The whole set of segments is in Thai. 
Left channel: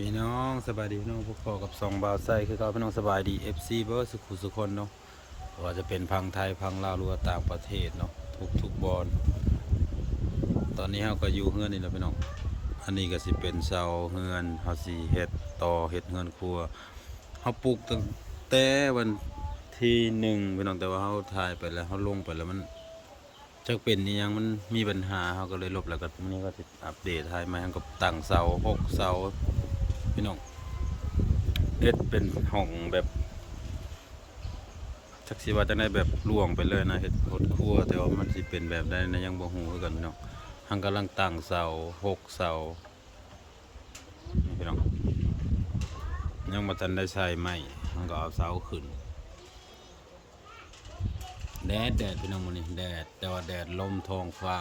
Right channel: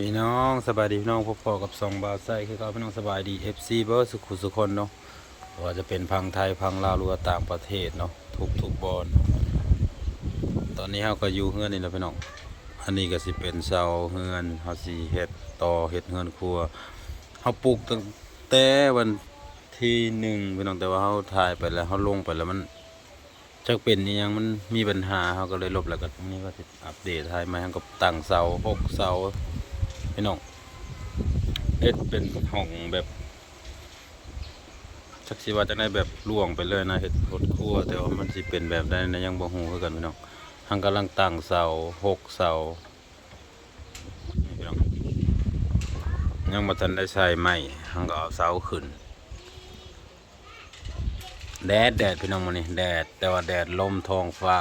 พี่น้องสบายดีพี่น้องพบกับสองบาวไซคือเขาพี่น้องสบายดี FC เบอร์สุขุสุคนเนาะว่าจะเป็นพังไทยพังลาวหรือว่าต่างประเทศเนาะทุกบอลตอนนี้เราก็อยู่เฮือนนี่แหละพี่น้องอันนี้ก็สิเป็นเสาเฮือนเฮาสิเฮ็ดต่อเฮ็ดเฮือนครัวเฮาปลูกตั้งแต่วันที่1พี่น้องแต่ว่าเฮาถ่ายไปแล้วเฮาลงไปแล้วมันจักเป็นอีหยังมันมีปัญหาเฮาก็เลยลบแล้วก็ตรงนี้ก็สิอัปเดตให้ใหม่เฮาก็ตั้งเสา6เสาพี่น้องเอ็ดเป็นห้องแบบจักสิว่าจะได้แบบล่วงไปเลยนะเฮ็ดโหดครัวแต่ว่ามันสิเป็นแบบใดนะยังบ่ฮู้คือกันพี่น้องหังกำลังตั้งเสา6เสานี่พี่น้องยังบ่ทันได้ใช้ไม้หังก็เอาเสาขึ้นแดดพี่น้องมื้อนี้แดดแต่ว่าแดดลมท้องฟ้า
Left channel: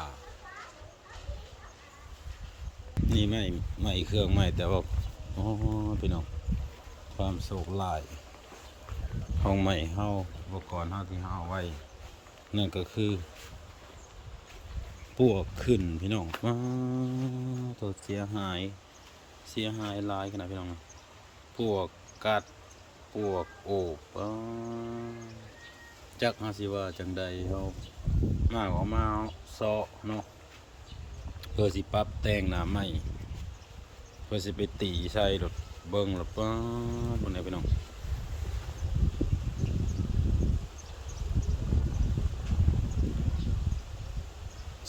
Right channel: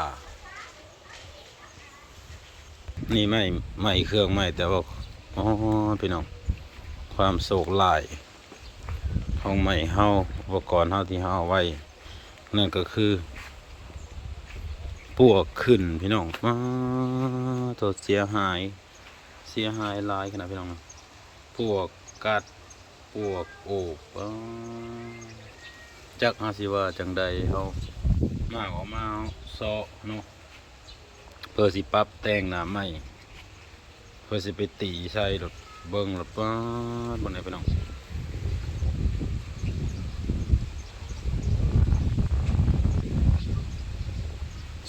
นี่ไม้เครื่องไม้แต่ว่าอ๋อพี่น้องความโศกหลายห้องใหม่เฮาอุปกรณ์เฮาที่เฮาเอาไว้นั่นก็คือปวกขึ้นพี่น้องตัวเสียหายหลายขนาดพี่น้องปวกกัดปวกโอบจักอาสิว่าจังใดเฮามาออกมาเซาะเนาะเพื่อสิปรับแต่งหน้าใหม่เพื่อสิไปตีใส่รถเบิ่งรถบนไหนพี่น้อง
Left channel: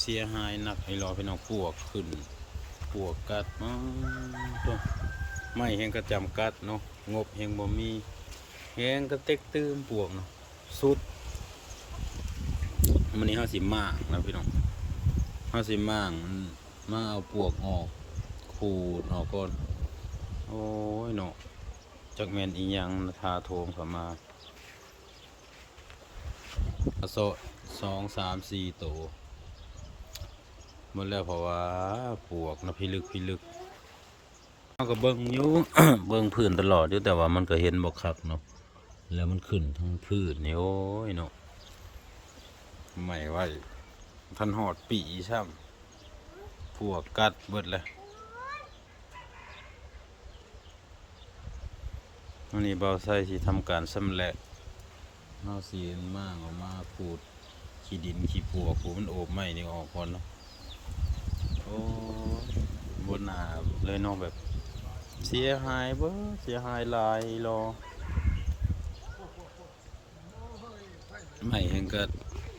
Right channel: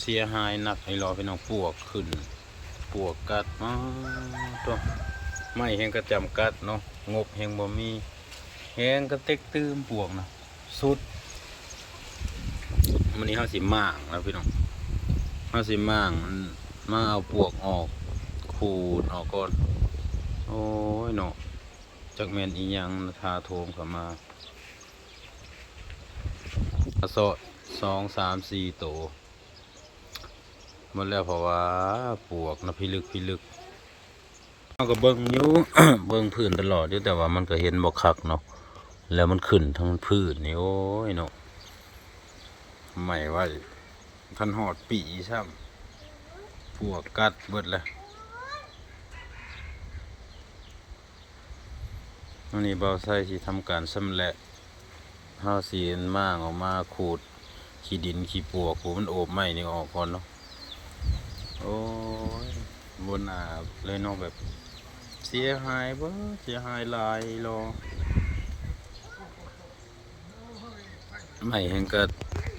เสียหายหนักไอ้รอพี่น้องปวกขึ้นปวกกัดตัวไม่แห้งกระจำกัดเนาะงบแห้งบ่มีแห้งกระเต็กตื้มปวกนะสุดมันนี้เฮาสิม่างแล้วพี่น้องเฮาสิม่างมาเอาปวกออกขูดออกก่อนโอ้ยเนาะจักแม่นอีหยังทาโทมเข้ามาโซ2 3 4ตัวหมดแล้วเพราะว่าปวกนะพิลึกเราก็เบิ่งอยู่ เบิ่งพื้นตลอดอยู่แต่ว่ามันก็เห็นบ่คักเนาะแล้วมันขึ้นทั้งพื้นนี่โอ้ยเนาะไม่ไหวทันหอดปีซ้ำปวกกัดเบิดเลยอันนี้เบาไส้ที่ทำการสำเร็จห้าสีนมากออกมาขูดขี้ดินขี้ปวกขูดมันโอบไม้นี่ออกก่อนเนาะโอ้ยบนหนาเลยเนาะแบบเสียหายเบ้อเสียหายหลายรอไม่แห่งก็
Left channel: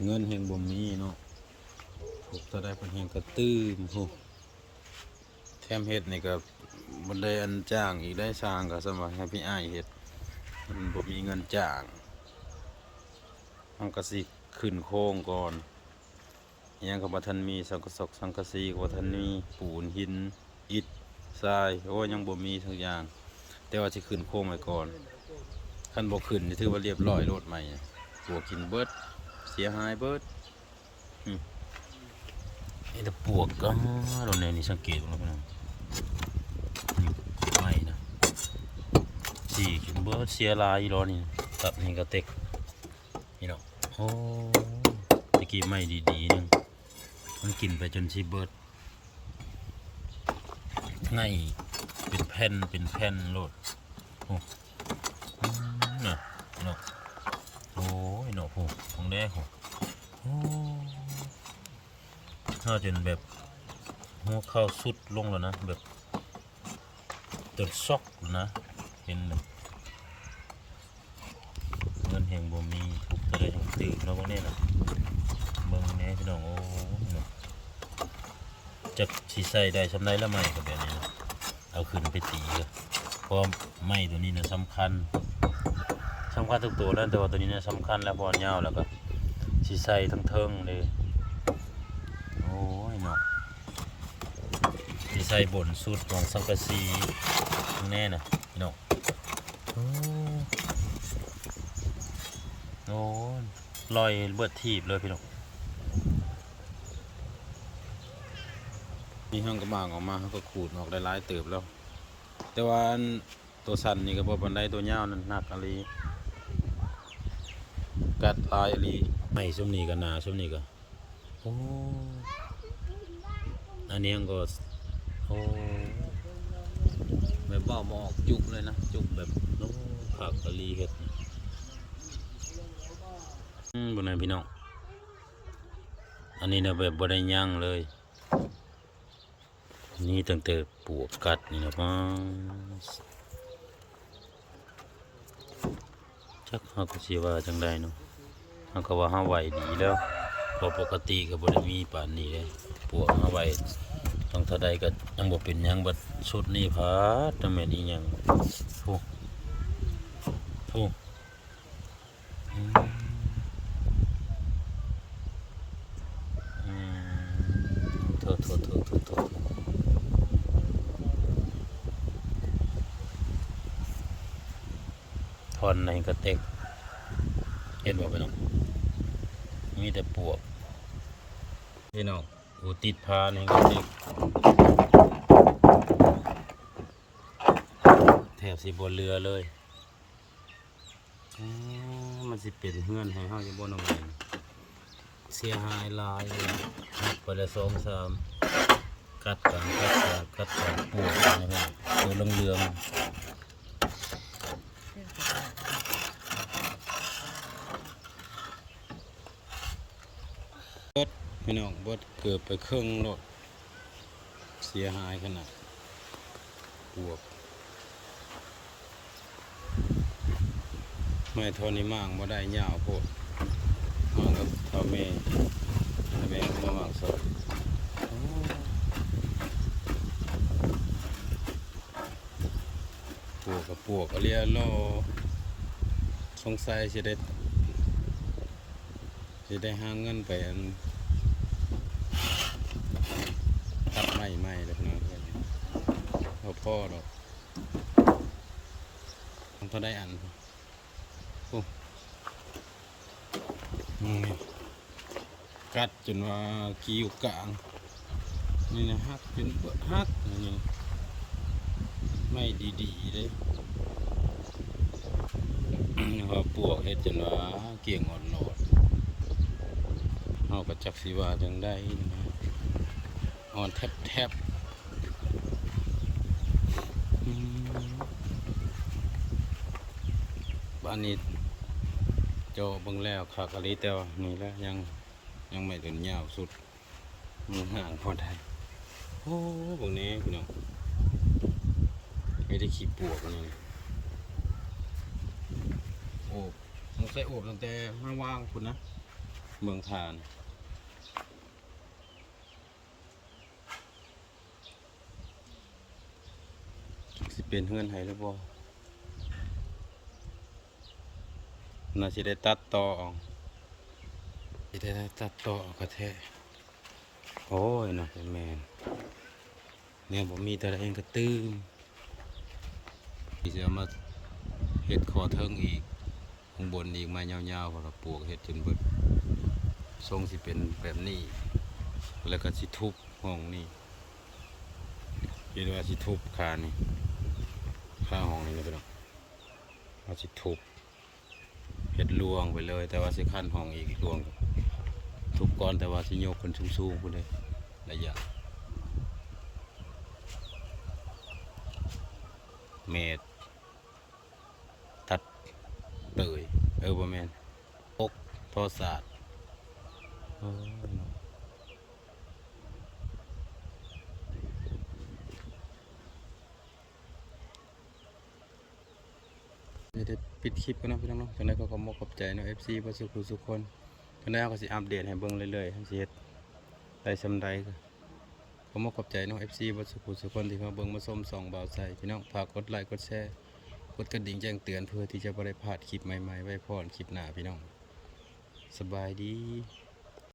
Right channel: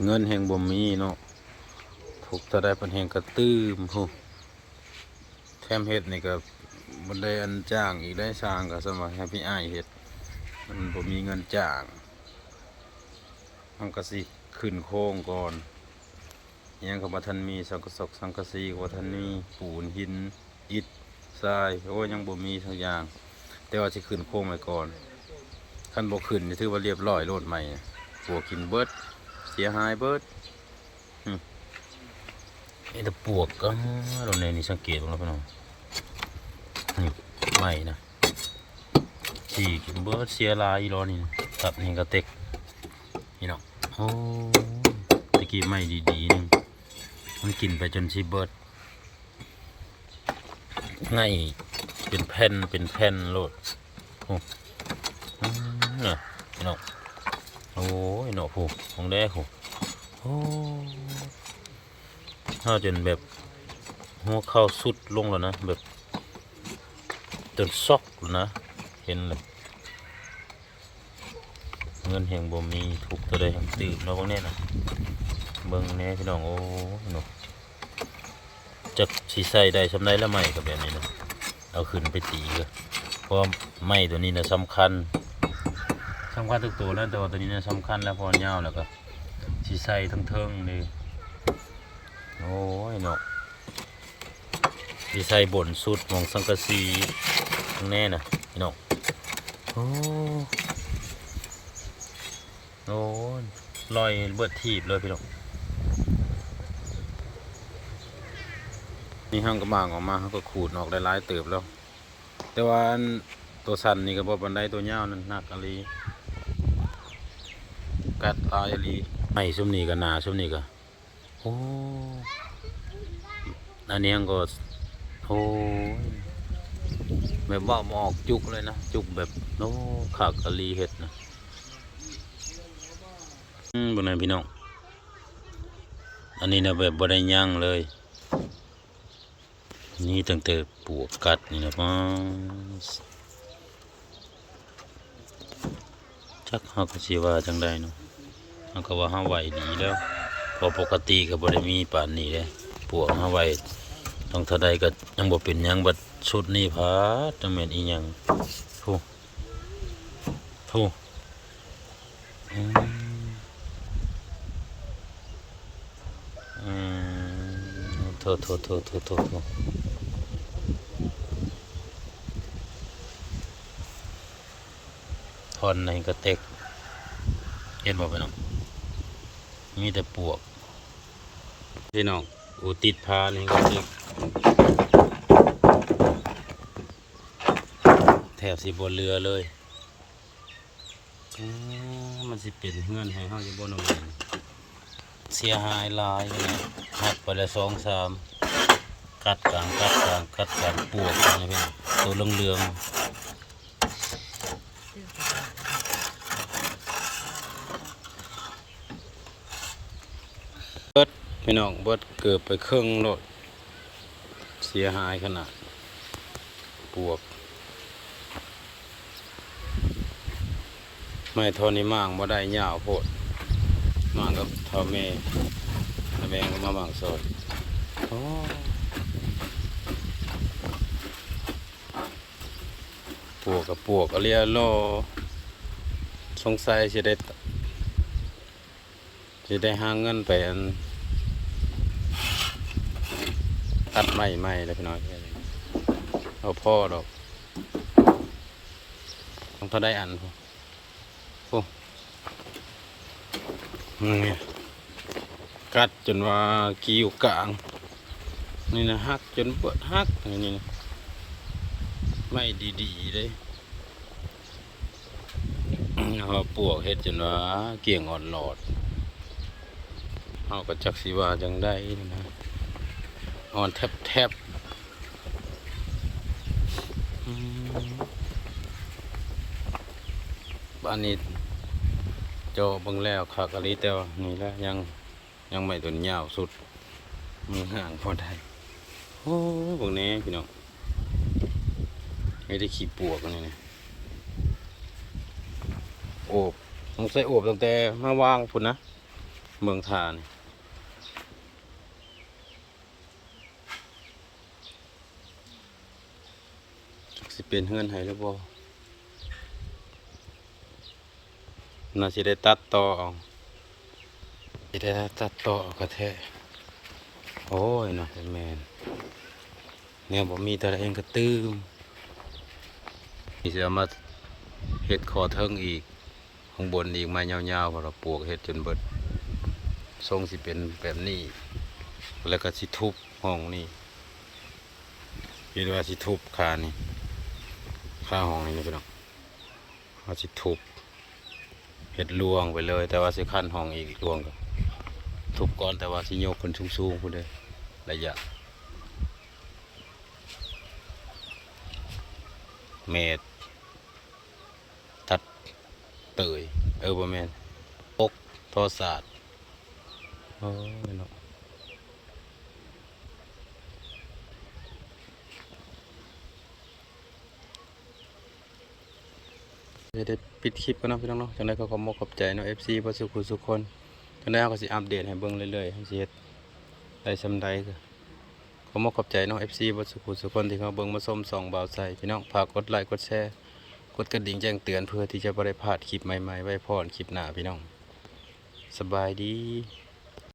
เงินแห่งบ่มีเนาะถูกถ้าได้เป็นแห่งก็ตื้มพูแถมเฮ็ดนี่ก็บ่ได้อันจ้างอีกได้สร้างก็สมัครให้พี่อ้ายเฮ็ดมันบ่มีเงินจ้างมันก็สิขึ้นโค้งก่อนยังกับบ่ทันมีสังกะสังกะสีกับบ่ทันมีปูนหินอิฐทรายโอ้ยังบ่มีทุกอย่างแต่ว่าสิขึ้นโค้งไว้ก่อนคันบ่ขึ้นนี่ถือว่าเรียบร้อยโลดใหม่ปวกกินเบิดเสียหายเบิดไอ้ตะปวกก็เราในนี่สังเกตดูแล้วพี่น้องนี่ไม่นะที่กินเบิดเสียลายรอนี่ตัดนี่ก็เต็กนี่เนาะโอ้ตะกี้ไม่ดีๆนึงมันกินไปจนชีเบิดง่ายเป็นแผ่นโลดโอ้น่ะนี่เนาะโอ้ยเนาะผูของแดกโอ้ถ้าจนแบบหัวเข้าสุดลงแล้วนะแบบจนซอกแล้วนะเห็นเลยเงินแห่งบ่มีถูกตัวใดแห่งตื่นเนาะบางเนี่ยนะเบิ่งแน่พี่น้องโอ้เนาะจักสิใส่ได้สำไรแล้วไม่กับแบบนี้นะเอาขึ้นไปตีก็เพราะไม้ตัวนี้นะสำคัญทุกตัวแล้วแต่ว่าตัวนี้นะสำคัญแล้วพอยาวแล้วก็สิใส่ทั้งเทิงเลยโอ้ยเนาะสิใส่บนสุดมองสังกะสีแน่นะพี่น้องโอ้ลอยเบิดทีบเลยพี่น้องนี่ห้างกระบางออกมาเขาก็ขูดออกได้หลายเติบแล้วแต่ว่าตัวสันนี่ก็บ่ปานใดตัวยาวนั่นหนักอะไรกัดลายอะไรไม่ชุ่มนี่ก็หนาชุ่มนี่ก็โอ้อันนี้ก็โอ้ แบบว่าหมออกจุกเลยนะจุกแบบโน้ขากะลีเห็ดนะบนนั้นพี่น้องอันนี้นะแบบบได้ย่างเลยนี่ตั้งแต่ปวกกัดนี่นะป้าจักเขาก็สิว่าจังใดเนาะเขาก็ว่าเขาไหวดีแล้วพอปกติก็บ่ได้มีป่านนี้เลยปวกเขาไหวต้องเท่าใดก็ยังบ่เป็นหยังบัดชุดนี้พาดจังแม่นอีหยังโธ่โธ่อืมอืมโธ่โธ่โธ่โธ่โธ่โธ่ทอนในกระเต็กเห็นบ่พี่น้องมีแต่ปวกพี่น้องอูติดพาในกระเต็กแถบสิบนเรือเลยมันสิเป็นเฮือนให้เฮาอยู่บนน้ำเงินเสียหายหลายเลยหักไปละ2-3กัดกลางกัดกลางกัดกลางปวกนี่เป็นตัวเหลืองๆเบิดพี่น้องเบิดเกือบไปครึ่งโลดเสียหายขนาดปวกไม่ทนนี่มั่งบ่ได้ยาวโพดมั่งกับเท่าแม่ก็มามั่งสดโอ้ปวกกับปวกเรียโลสงสัยสิได้หาเงินไปอันตัดไม้เลยพี่น้องเอาพ่อดอกต้องเท่าได้อันพอโอ้นี่กัดจนว่ากิ้วกลางนี่นะหักจนเบิดหักนี่นะไม่ดีๆเลยพอปวกเฮ็ดจนว่าเกี่ยงอ่อนหลอดเอากระจักสีว่าจังได้นะอ่อนแทบบ้านนี้โจเบิ่งแล้วขากะลิแต่ว่านี่แหละยังไม่ต้นยาวสุดมือห่างพอได้โอ้พวกนี้พี่น้องไม่ได้ขี้ปวกนี่นะโอบต้องใส่โอบตั้งแต่มาวางพุ่นนะเมืองทานี่สิเป็นเฮือนไห้หรือบ่น่าสิได้ตัดต่อเอาสิได้ตัดต่อเอากระแทกโอ้ยน่ะเป็นแมนเนี่ยบ่มีแต่ละเองก็ตื้มนี่สิเอามาเฮ็ดคอเทิงอีกข้างบนอีกไม้ยาวๆเพราะเราปลูกเฮ็ดจนเบิดทรงสิเป็นแบบนี้แล้วก็สิทุบห้องนี่คิดว่าสิทุบคานี่ค่าห้องนี่นะพี่น้องเขาสิทุบเฮ็ดลวงไปเลยแต่ว่าสิขั้นห้องอีกลวงก็ทุบก่อนแต่ว่าสิยกคนสูงๆพุ่นเด้อระยะเมตรตัดเตยบ่แม่นปกทอศาสตร์โอ้ยเนาะได้ปิดคลิปกันนะพี่น้องเนาะจังไดก็ขอขอบใจเนาะ FC บ่สุขสุขคนจังได๋ก็สิอัปเดตให้เบิ่งเรื่อยๆให้สิเฮ็ดได้ซำใดก็ขอขอบใจเนาะ FC บ่สุขสุขคนที่เขาเบิ่งมาชมส่องบ่าวใส่พี่น้องฝากกดไลค์กดแชร์กดกระดิ่งแจ้งเตือนเพื่อที่จะบ่ได้พลาดคลิปใหม่ๆไว้พรคลิปหน้าพี่น้องสบายดี